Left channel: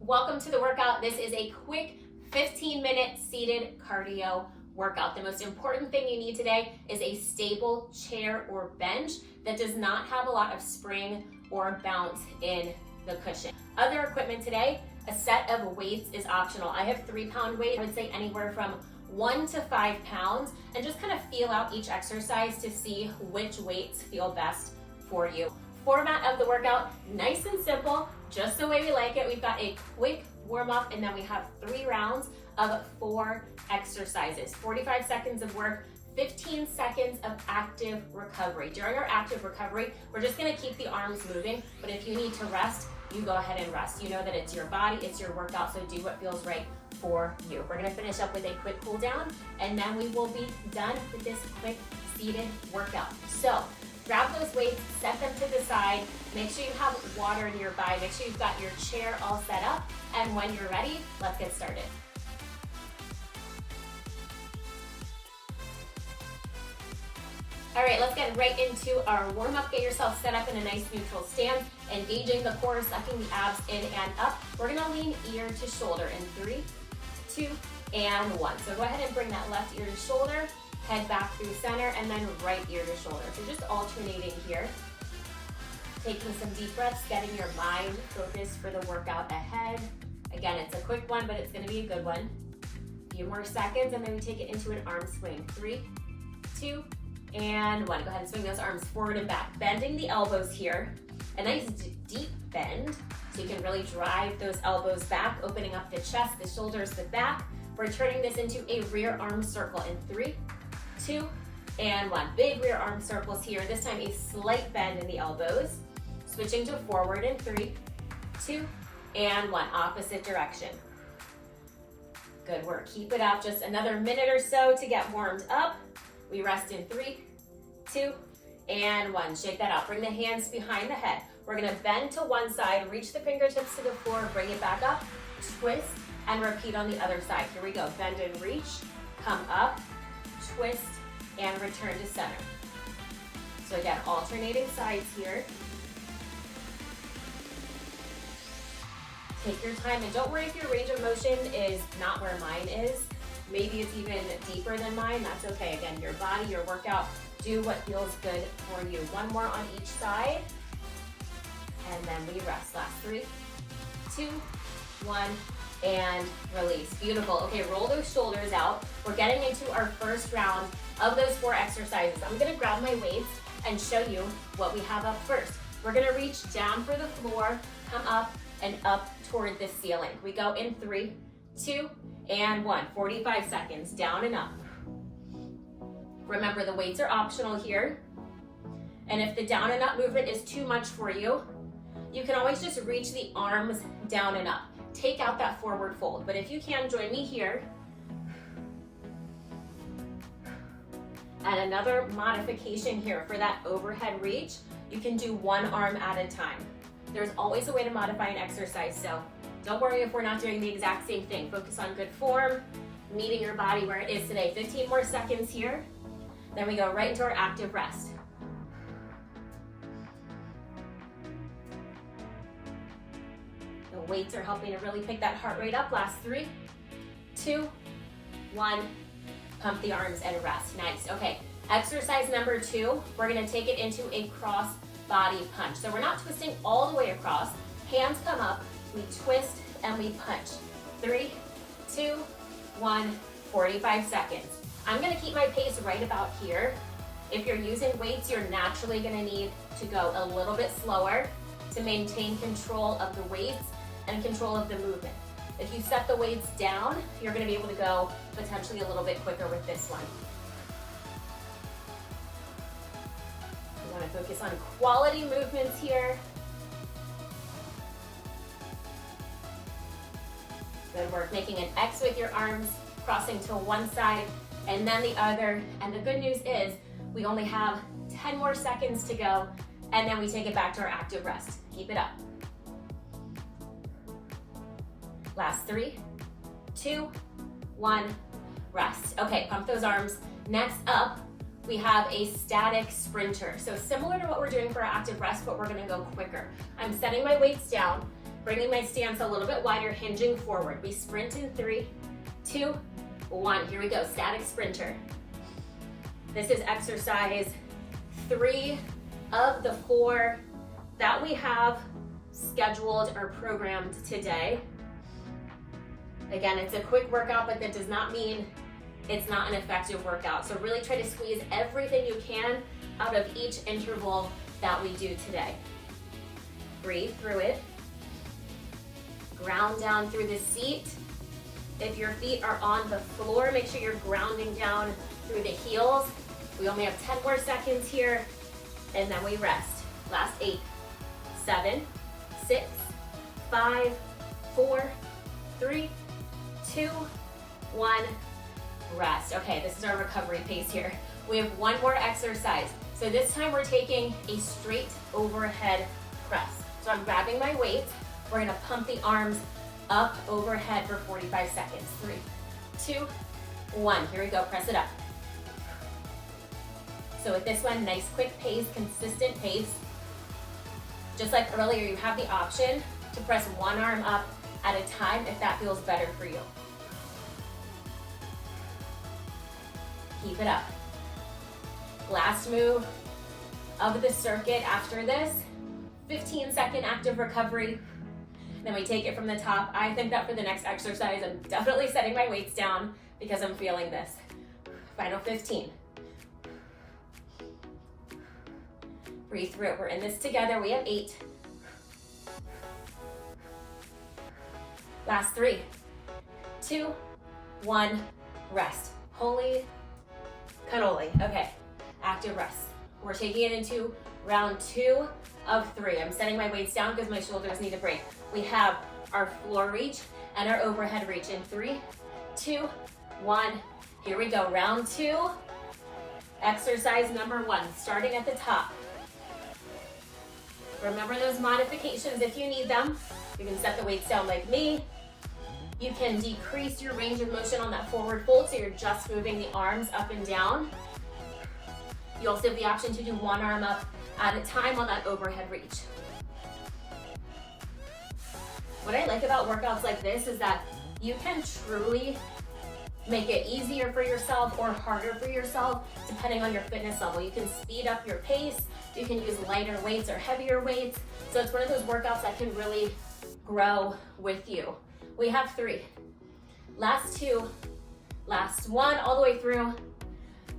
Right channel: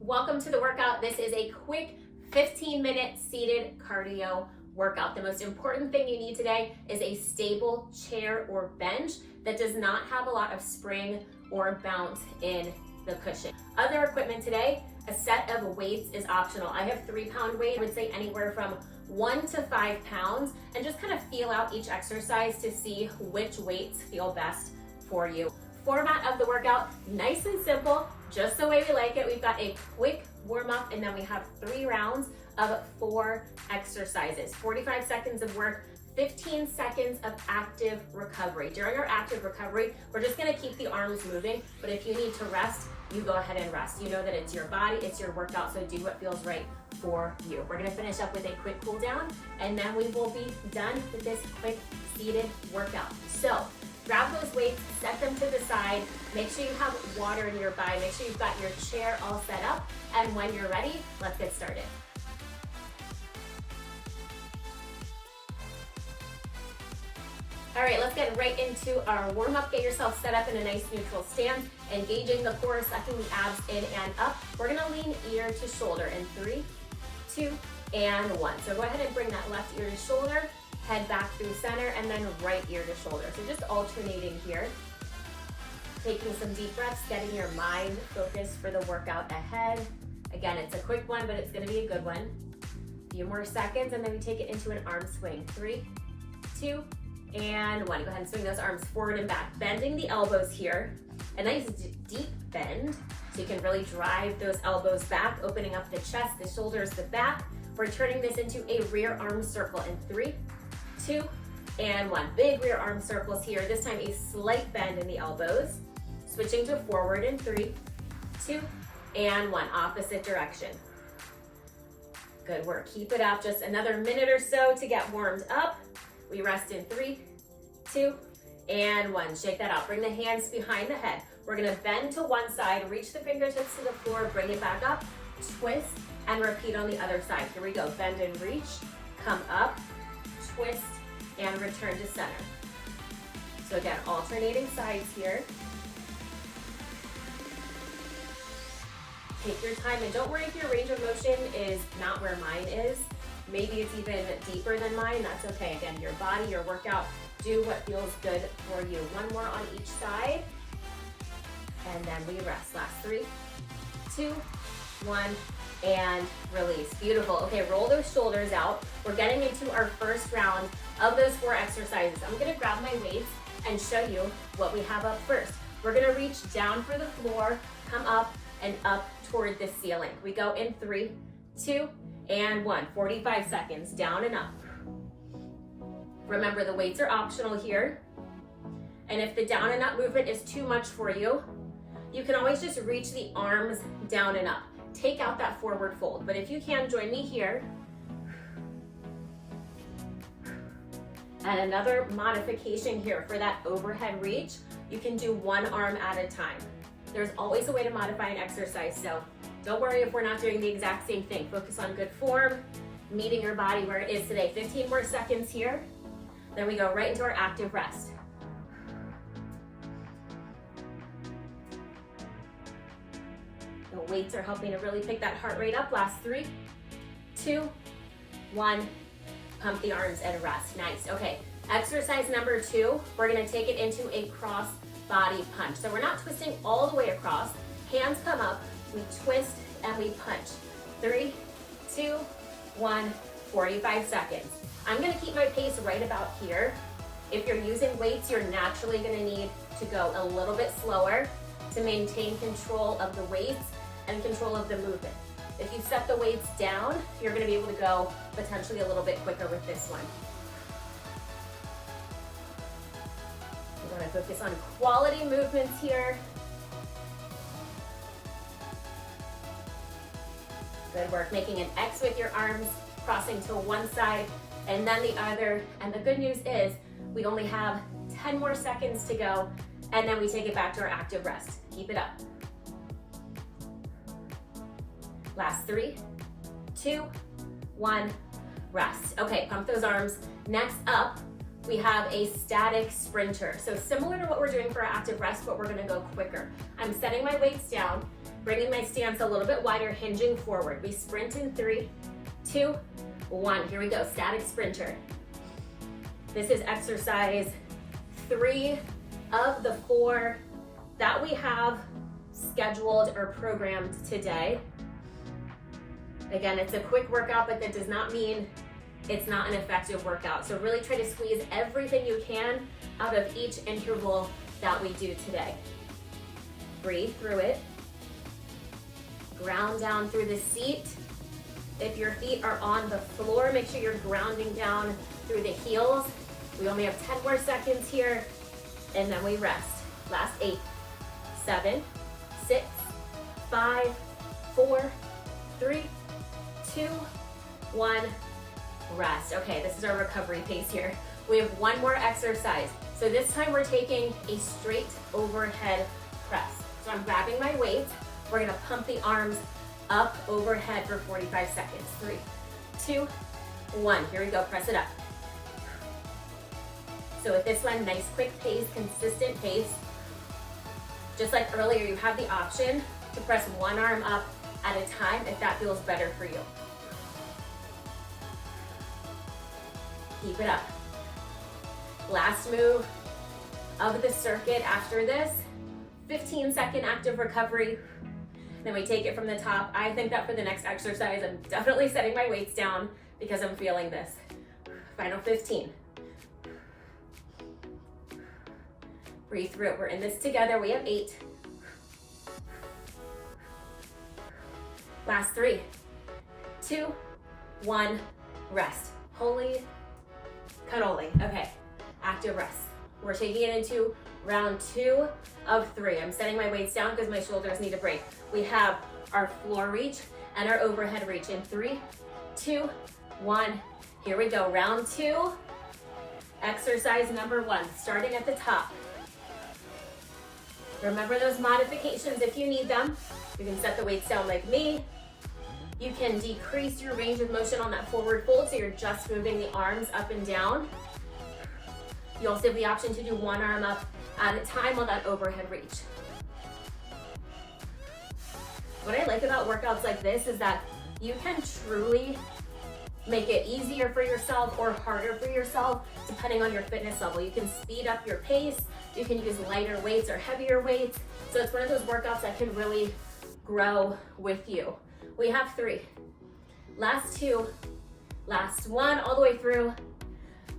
Welcome to the workout. This is a quick 15-minute seated cardio workout. The most important thing you need today is a stable chair or bench that does not have a lot of spring or bounce in the cushion. Other equipment today, a set of weights is optional. I have 3-pound weight. I would say anywhere from 1 to 5 pounds, and just kind of feel out each exercise to see which weights feel best for you. Format of the workout, nice and simple, just the way we like it. We've got a quick warm up, and then we have 3 rounds of 4 exercises, 45 seconds of work, 15 seconds of active recovery. During our active recovery, we're just gonna keep the arms moving, but if you need to rest, you go ahead and rest. You know that it's your body, it's your workout, so do what feels right for you. We're gonna finish up with a quick cool down, and then we will be done with this quick seated workout. So grab those weights, set them to the side, make sure you have water nearby, make sure you've got your chair all set up, and when you're ready, let's get started. All right, let's get right into our warm up. Get yourself set up in a nice neutral stance, engaging the core, sucking the abs in and up. We're gonna lean ear to shoulder in 3, 2, and 1. So go ahead and bring that left ear to shoulder, head back through center, and then right ear to shoulder. So just alternating here. Taking some deep breaths, getting your mind focused for the workout ahead. Again, it's a quick one, but it's gonna be a good one. A few more seconds, and then we take it into an arm swing. 3, 2, and 1. Go ahead and swing those arms forward and back. Bending the elbows here. A nice deep bend, so you can really drive those elbows back, opening up the chest, the shoulders, the back. We're turning this into a rear arm circle in 3, 2, and 1. Big rear arm circles here. This time a slight bend in the elbows. Switching to forward in 3, 2, and 1. Opposite direction. Good work. Keep it up. Just another minute or so to get warmed up. We rest in 3, 2, and 1. Shake that out. Bring the hands behind the head. We're gonna bend to one side, reach the fingertips to the floor, bring it back up, twist, and repeat on the other side. Here we go. Bend and reach, come up, twist, and return to center. So again, alternating sides here. Take your time, and don't worry if your range of motion is not where mine is. Maybe it's even deeper than mine. That's okay. Again, your body, your workout, do what feels good for you. One more on each side, and then we rest. Last 3, 2, 1, and release. Beautiful. Okay, roll those shoulders out. We're getting into our first round of those 4 exercises. I'm gonna grab my weights and show you what we have up first. We're gonna reach down for the floor, come up and up toward the ceiling. We go in 3, 2, and 1. 45 seconds, down and up. Remember, the weights are optional here. And if the down and up movement is too much for you, you can always just reach the arms down and up. Take out that forward fold. But if you can, join me here. And another modification here for that overhead reach, you can do one arm at a time. There's always a way to modify an exercise, so don't worry if we're not doing the exact same thing. Focus on good form, meeting your body where it is today. 15 more seconds here. Then we go right into our active rest. The weights are helping to really pick that heart rate up. Last 3, 2, 1. Pump the arms and rest. Nice. Okay, exercise number 2, we're gonna take it into a cross body punch. So we're not twisting all the way across. Hands come up, we twist and we punch. 3, 2, 1, 45 seconds. I'm gonna keep my pace right about here. If you're using weights, you're naturally gonna need to go a little bit slower to maintain control of the weights and control of the movement. If you set the weights down, you're gonna be able to go potentially a little bit quicker with this one. We wanna focus on quality movements here. Good work, making an X with your arms, crossing to one side and then the other. And the good news is we only have 10 more seconds to go, and then we take it back to our active rest. Keep it up. Last 3, 2, 1, rest. Okay, pump those arms. Next up, we have a static sprinter. So similar to what we're doing for our active rest, but we're gonna go quicker. I'm setting my weights down, Bringing my stance a little bit wider, hinging forward. We sprint in 3, 2, 1. Here we go, static sprinter. This is exercise 3 of the 4 that we have scheduled or programmed today. Again, it's a quick workout, but that does not mean it's not an effective workout. So really try to squeeze everything you can out of each interval that we do today. Breathe through it. Ground down through the seat. If your feet are on the floor, make sure you're grounding down through the heels. We only have 10 more seconds here, and then we rest. Last 8, 7, 6, 5, 4, 3, 2, 1, rest. Okay, this is our recovery pace here. We have one more exercise. So this time we're taking a straight overhead press. So I'm grabbing my weight. We're gonna pump the arms up overhead for 45 seconds. 3, 2, 1. Here we go, press it up. So with this one, nice quick pace, consistent pace. Just like earlier, you have the option to press one arm up at a time if that feels better for you. Keep it up. Last move of the circuit after this, 15-second active recovery. Then we take it from the top. I think that for the next exercise, I'm definitely setting my weights down because I'm feeling this. Final 15. Breathe through it. We're in this together. We have 8. Last 3, 2, 1, rest. Holy cannoli. Okay, active rest. We're taking it into round 2 of 3. I'm setting my weights down because my shoulders need a break. We have our floor reach and our overhead reach in 3, 2, 1. Here we go, round 2. Exercise number 1, starting at the top. Remember those modifications if you need them. You can set the weights down like me. You can decrease your range of motion on that forward fold, so you're just moving the arms up and down. You also have the option to do one arm up at a time on that overhead reach. What I like about workouts like this is that you can truly make it easier for yourself or harder for yourself depending on your fitness level. You can speed up your pace, you can use lighter weights or heavier weights. So it's one of those workouts that can really grow with you. We have 3. Last 2, last 1, all the way through,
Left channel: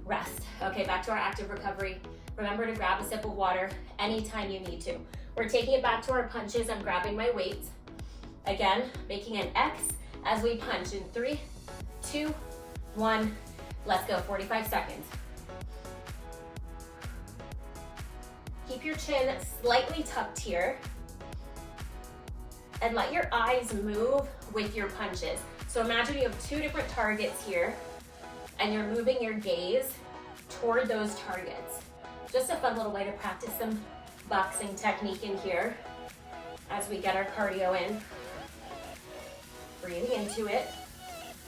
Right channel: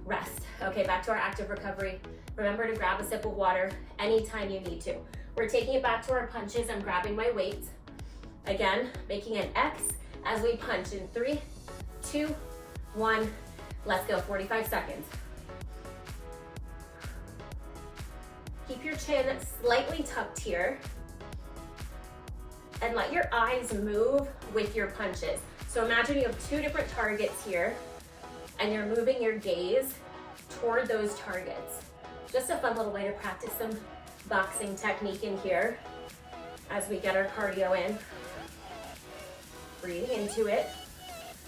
rest. Okay, back to our active recovery. Remember to grab a sip of water anytime you need to. We're taking it back to our punches. I'm grabbing my weight. Again, making an X as we punch in 3, 2, 1. Let's go, 45 seconds. Keep your chin slightly tucked here. And let your eyes move with your punches. So imagine you have 2 different targets here and you're moving your gaze toward those targets. Just a fun little way to practice some boxing technique in here as we get our cardio in. Breathing into it.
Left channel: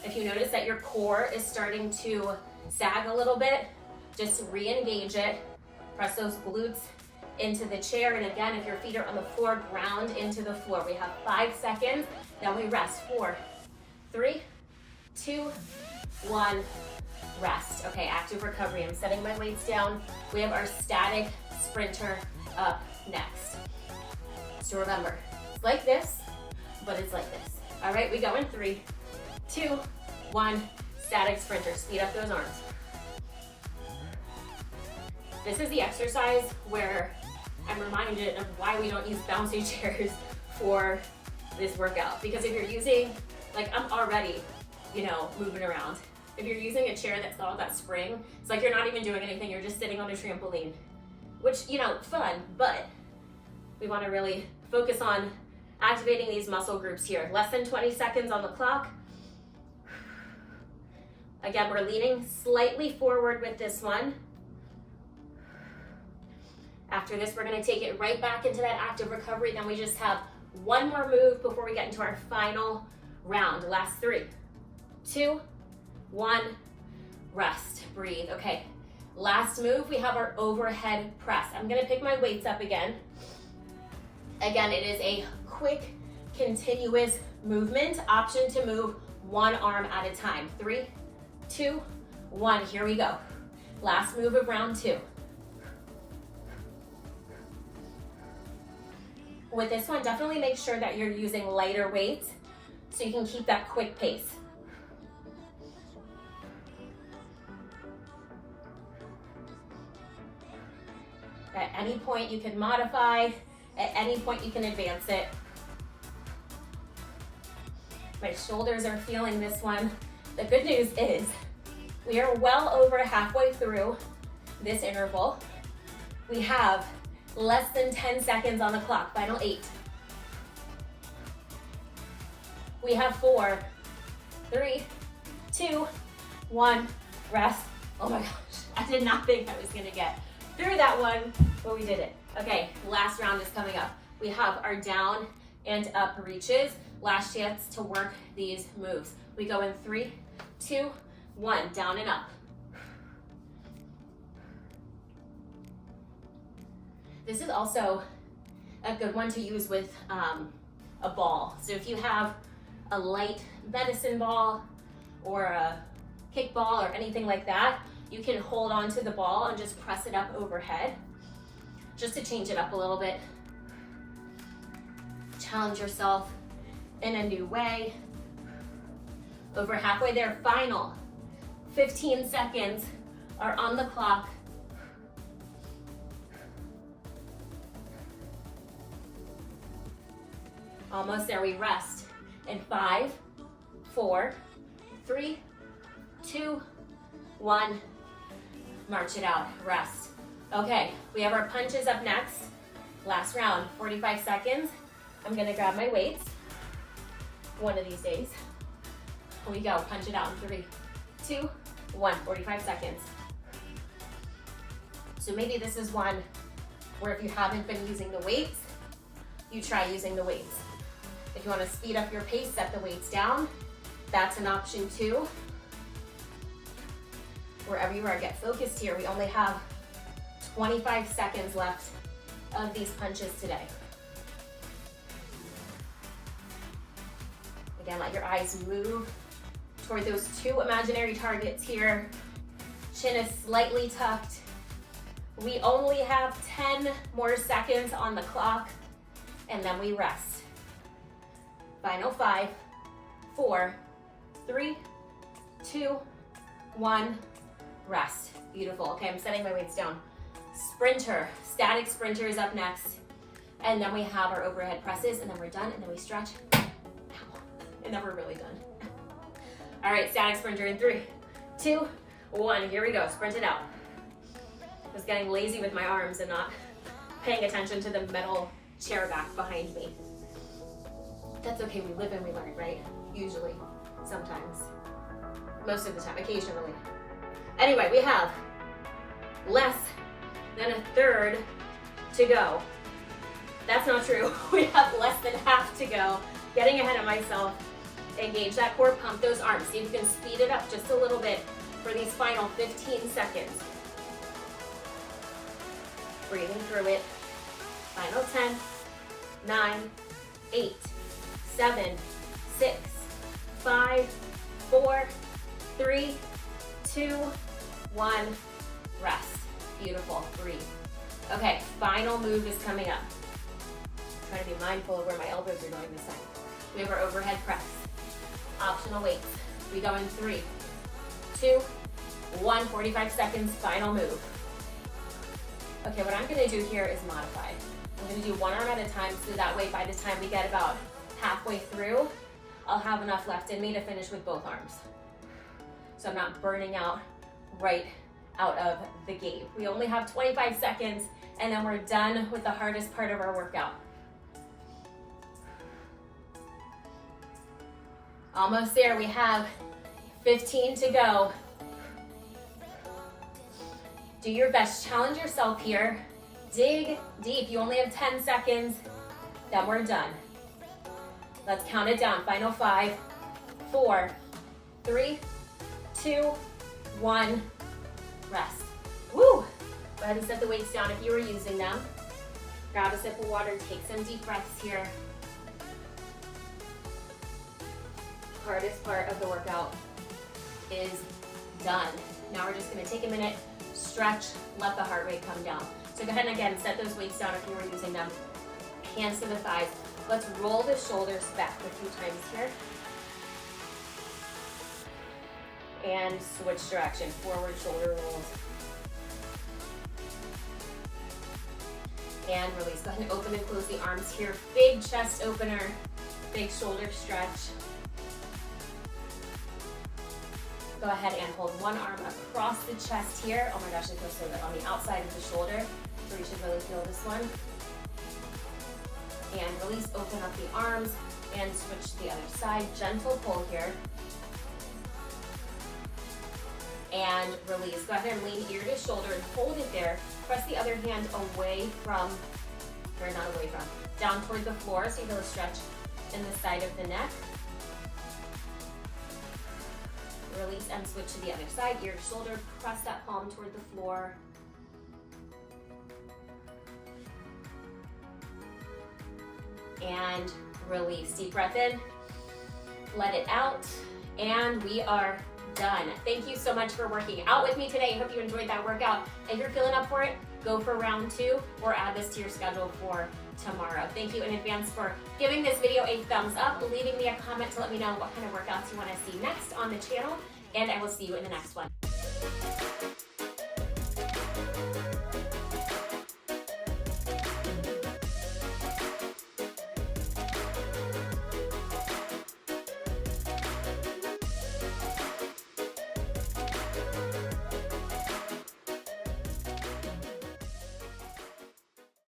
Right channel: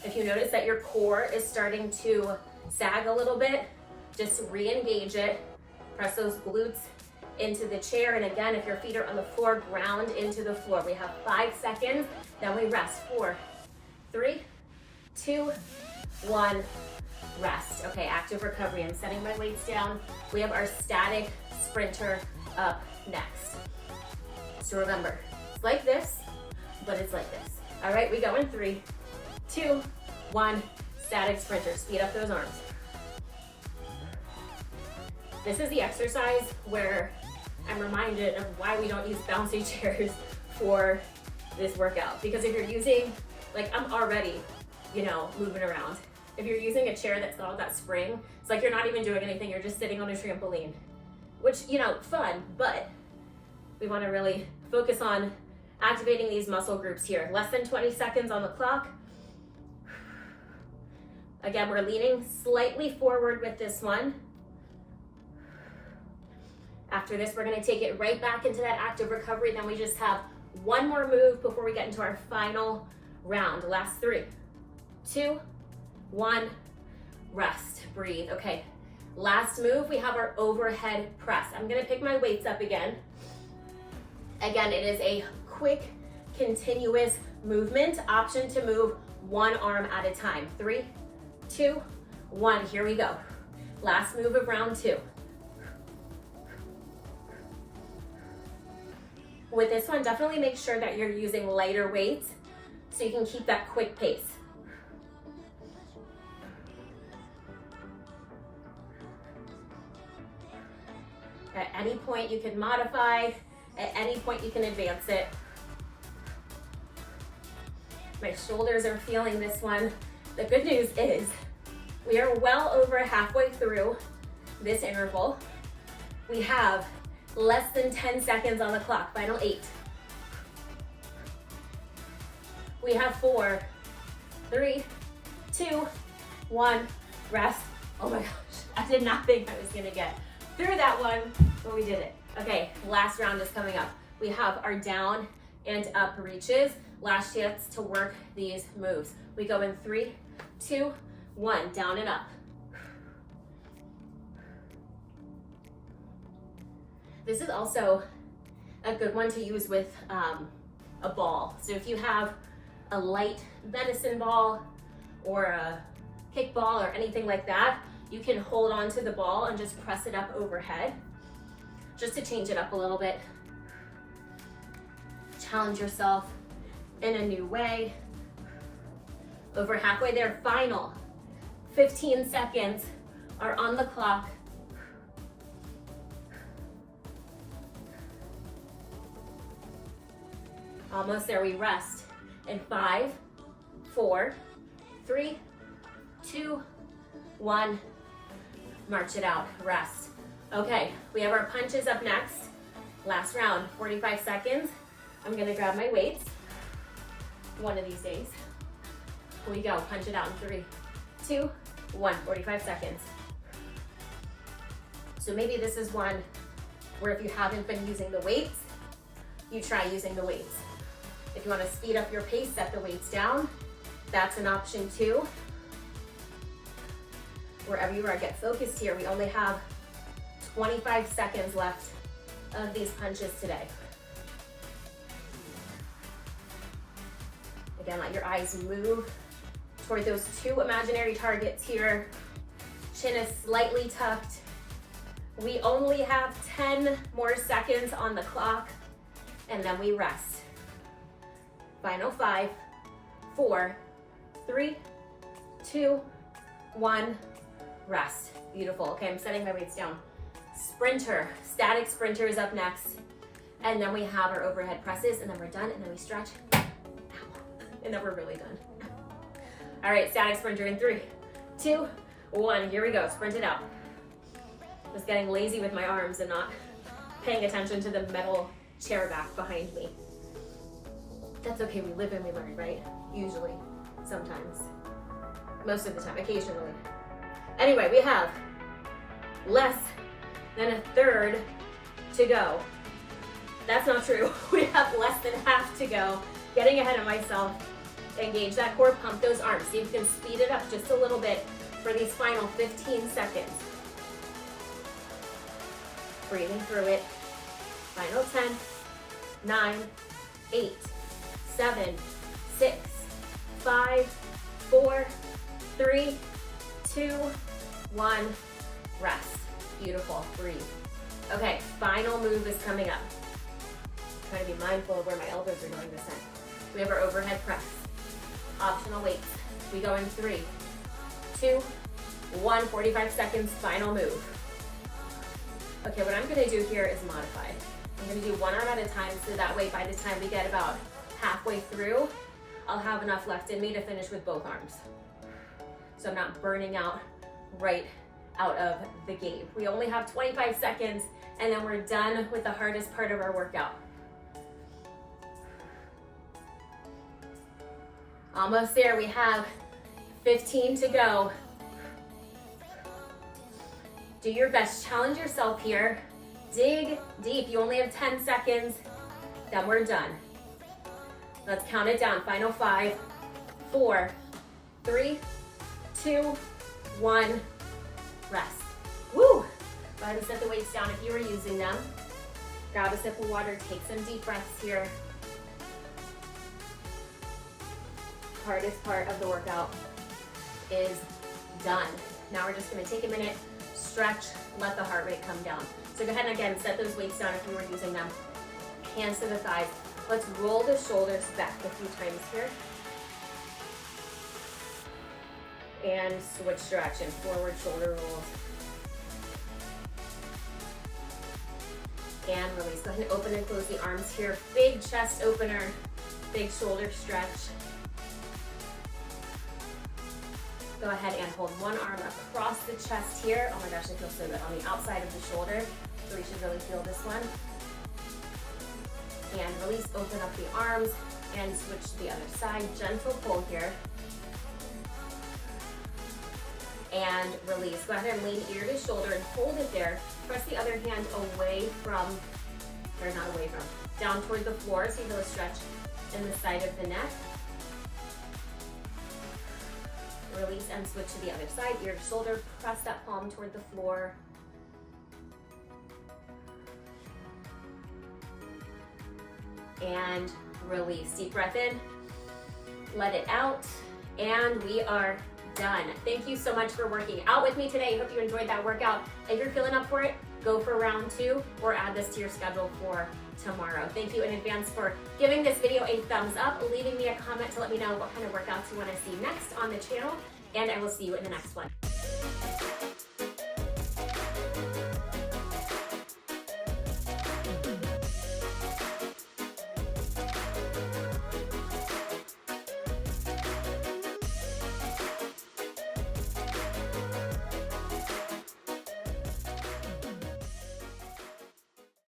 If you notice that your core is starting to sag a little bit, just re-engage it. Press those glutes into the chair. And again, if your feet are on the floor, ground into the floor. We have 5 seconds, then we rest. 4, 3, 2, 1, rest. Okay, active recovery. I'm setting my weights down. We have our static sprinter up next. So remember, it's like this, but it's like this. All right, we go in 3, 2, 1, static sprinter. Speed up those arms. This is the exercise where I'm reminded of why we don't use bouncy chairs for this workout. Because if you're using, like I'm already, moving around. If you're using a chair that's got all that spring, it's like you're not even doing anything, you're just sitting on a trampoline. Which, fun, but we wanna really focus on activating these muscle groups here. Less than 20 seconds on the clock. Again, we're leaning slightly forward with this one. After this, we're gonna take it right back into that active recovery. Then we just have one more move before we get into our final round. Last 3, 2, 1, rest, breathe. Okay, last move, we have our overhead press. I'm gonna pick my weights up again. Again, it is a quick continuous movement. Option to move one arm at a time. 3, 2, 1. Here we go. Last move of round 2. With this one, definitely make sure that you're using lighter weights so you can keep that quick pace. At any point you can modify, at any point you can advance it. My shoulders are feeling this one. The good news is we are well over halfway through this interval. We have less than 10 seconds on the clock, final 8. We have 4, 3, 2, 1, rest. Oh my gosh, I did not think I was gonna get through that one, but we did it. Okay, last round is coming up. We have our down and up reaches. Last chance to work these moves. We go in 3, 2, 1, down and up. This is also a good one to use with a ball. So if you have a light medicine ball or a kickball or anything like that, you can hold on to the ball and just press it up overhead, just to change it up a little bit. Challenge yourself in a new way. Over halfway there, final 15 seconds are on the clock. Almost there, we rest in 5, 4, 3, 2, 1. March it out, rest. Okay, we have our punches up next. Last round, 45 seconds. I'm gonna grab my weights one of these days. Here we go, punch it out in 3, 2, 1, 45 seconds. So maybe this is one where if you haven't been using the weights, you try using the weights. If you want to speed up your pace, set the weights down. That's an option too. Wherever you are, get focused here. We only have 25 seconds left of these punches today. Again, let your eyes move toward those 2 imaginary targets here. Chin is slightly tucked. We only have 10 more seconds on the clock, and then we rest. Final 5, 4, 3, 2, 1, rest. Beautiful. Okay, I'm setting my weights down. Sprinter, static sprinter is up next. And then we have our overhead presses, and then we're done, and then we stretch. Ow. And then we're really done. All right, static sprinter in 3, 2, 1. Here we go, sprint it out. I was getting lazy with my arms and not paying attention to the metal chair back behind me. That's okay, we live and we learn, right? Usually, sometimes, most of the time, occasionally. Anyway, we have less than a third to go. That's not true. We have less than half to go. Getting ahead of myself. Engage that core, pump those arms. See if you can speed it up just a little bit for these final 15 seconds. Breathing through it. Final 10, 9, 8, 7, 6, 5, 4, 3, 2, 1, rest. Beautiful, breathe. Okay, final move is coming up. I'm trying to be mindful of where my elbows are going this time. We have our overhead press. Optional weights. We go in 3, 2, 1, 45 seconds, final move. Okay, what I'm gonna do here is modify. I'm gonna do one arm at a time, so that way by the time we get about halfway through, I'll have enough left in me to finish with both arms. So I'm not burning out right out of the gate. We only have 25 seconds, and then we're done with the hardest part of our workout. Almost there, we have 15 to go. Do your best, challenge yourself here. Dig deep, you only have 10 seconds, then we're done. Let's count it down, final 5, 4, 3, 2, 1, rest. Woo! Go ahead and set the weights down if you were using them. Grab a sip of water, take some deep breaths here. hardest part of the workout is done. Now we're just gonna take a minute, stretch, let the heart rate come down. So go ahead and again, set those weights down if you were using them. Hands to the thighs. Let's roll the shoulders back a few times here. And switch direction, forward shoulder rolls. And release. Go ahead and open and close the arms here. Big chest opener, big shoulder stretch. Go ahead and hold one arm across the chest here. Oh my gosh, it feels so good on the outside of the shoulder. So we should really feel this one. And release, open up the arms and switch to the other side. Gentle pull here. And release. Go ahead and lean ear to shoulder and hold it there. Press the other hand away from, or not away from, down toward the floor so you feel a stretch in the side of the neck. Release and switch to the other side, ear to shoulder, press that palm toward the floor. And release. Deep breath in, let it out, and we are done. Thank you so much for working out with me today. I hope you enjoyed that workout. If you're feeling up for it, go for round 2 or add this to your schedule for tomorrow. Thank you in advance for giving this video a thumbs up, leaving me a comment to let me know what kind of workouts you want to see next on the channel, and I will see you in the next one.